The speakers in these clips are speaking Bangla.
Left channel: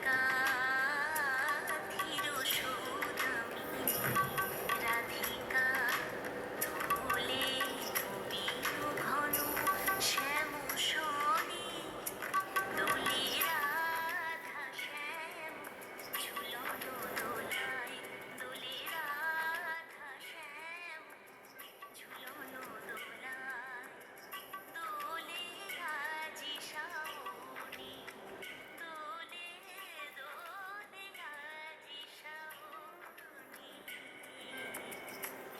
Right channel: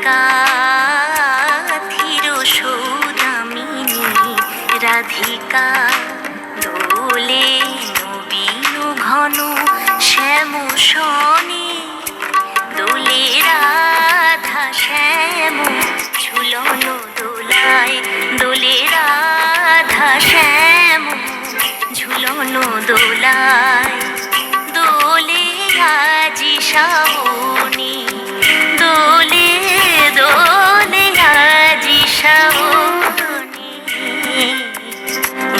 রাধিকা ধীর সৌদামিনী রাধিকা দোলে নবীন ঘন শ্যাম শনি দোলে রাধা শ্যাম ঝুলন দোলায় দোলে রাধা শ্যাম ঝুলন দোলায় দোলে আজি শ্রাবণী দোলে দোলে আজি শ্রাবণী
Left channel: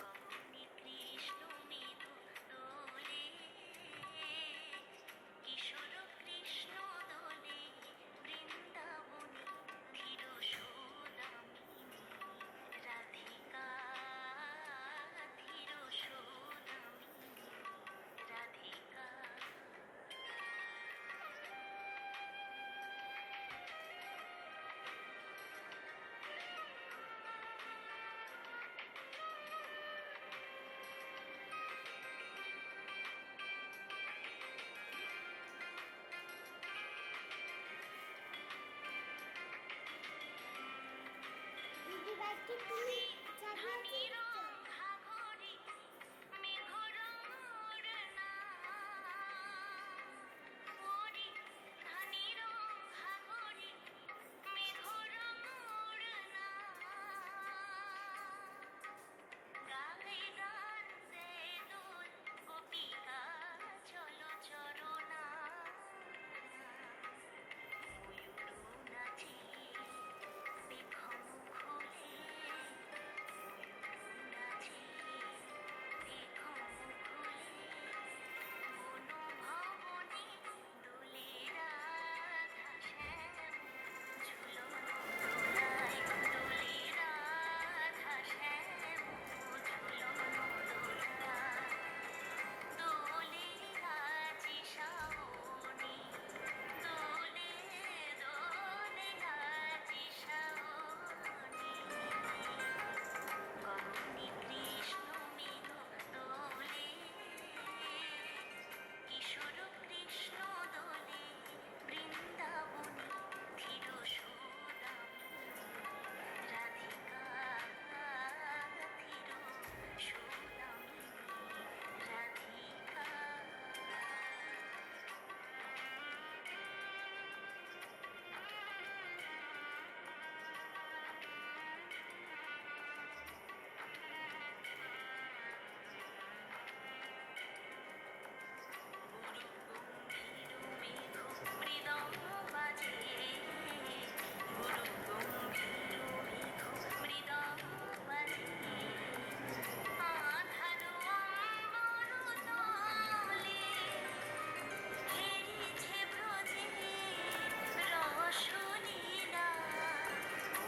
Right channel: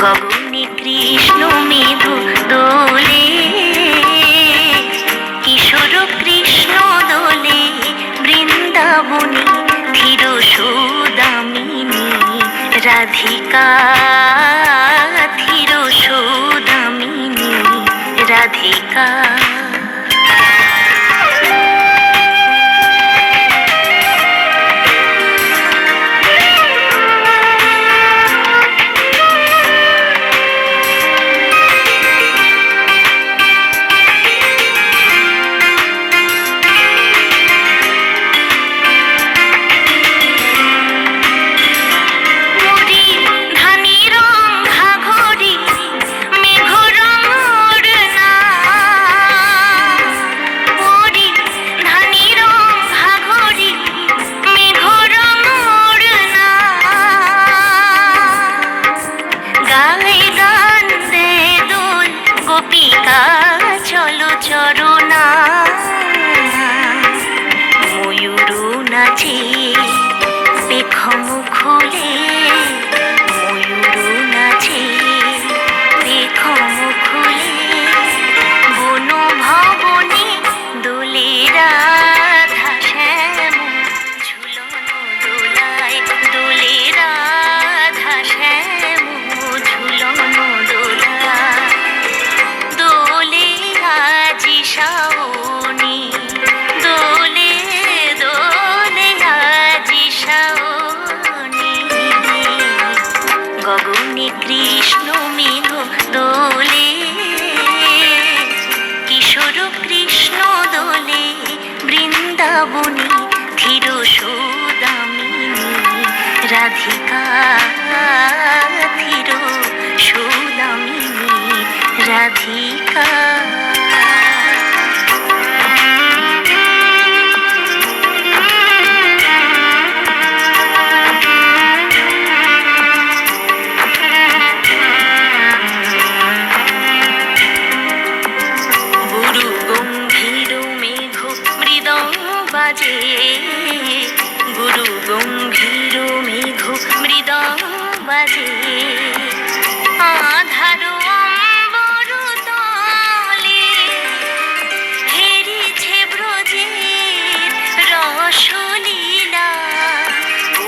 গগনে কৃষ্ণ মেঘ দোলে কিশোর কৃষ্ণ দোলে বৃন্দাবনী ধীর সৌদামিনী রাধিকা ধীর সৌদামিনী রাধিকা চলো চরণা ময়ূর নাচে পেখম খুলে ময়ূর নাচে পেখম খুলে বন ভবনে দোলে রাধা শ্যাম ঝুলন দোলায় দোলে রাধা শ্যাম ঝুলন দোলায় দোলে আজি শ্রাবণী দোলে দোলে আজি শ্রাবণী গগনে কৃষ্ণ মেঘ দোলে কিশোর কৃষ্ণ দোলে বৃন্দাবনী ধীর সৌদামিনী রাধিকা ধীর সৌদামিনী রাধিকা গুরু গম্ভীর মেঘ মৃদঙ্গ বাজে গুরু গম্ভীর মেঘ মৃদঙ্গ বাজে আধার অম্বর তলে হেরিছে ব্রজের রসলীলা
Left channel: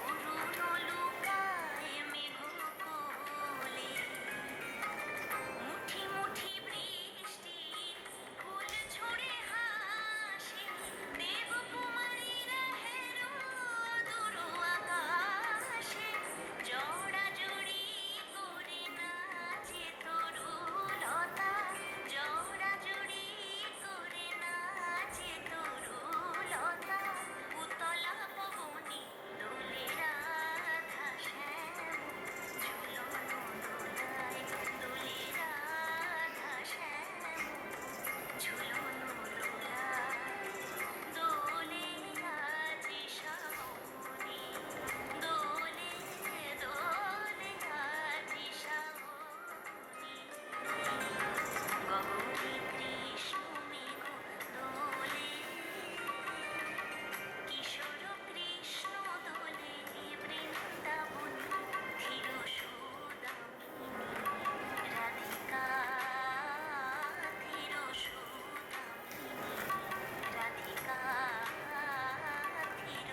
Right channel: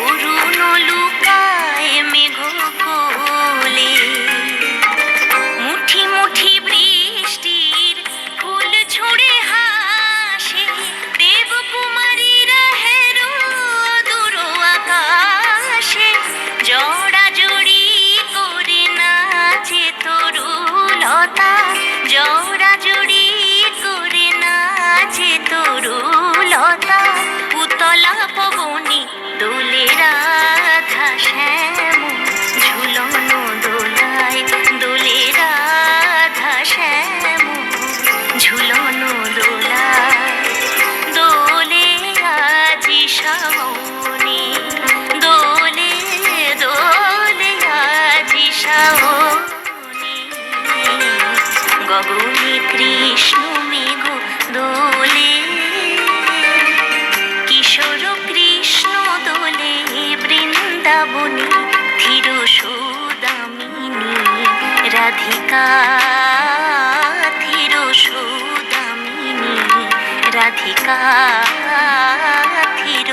অরুণ লুকায় মেঘ কোলে মুঠি মুঠি বৃষ্টির ফুল ছুঁড়ে হাসে দেবকুমারীরা হেরো দূর আকাশে জড়াজড়ি করে নাচে তরুলতা জড়াজড়ি করে নাচে তরুলতা উতলা পবনে দোলে রাধা শ্যাম ঝুলন দোলায় দোলে রাধা শ্যাম ঝুলন দোলায় দোলে আজি শ্রাবণী দোলে দোলে আজি শ্রাবণী গগনে কৃষ্ণ মেঘ দোলে কিশোর কৃষ্ণ দোলে বৃন্দাবনী ধীর সৌদামিনী রাধিকা ধীর সৌদামিনী রাধিকা ধীর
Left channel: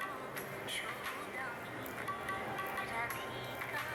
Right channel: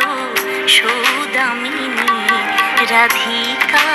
সৌদামিনী রাধিকা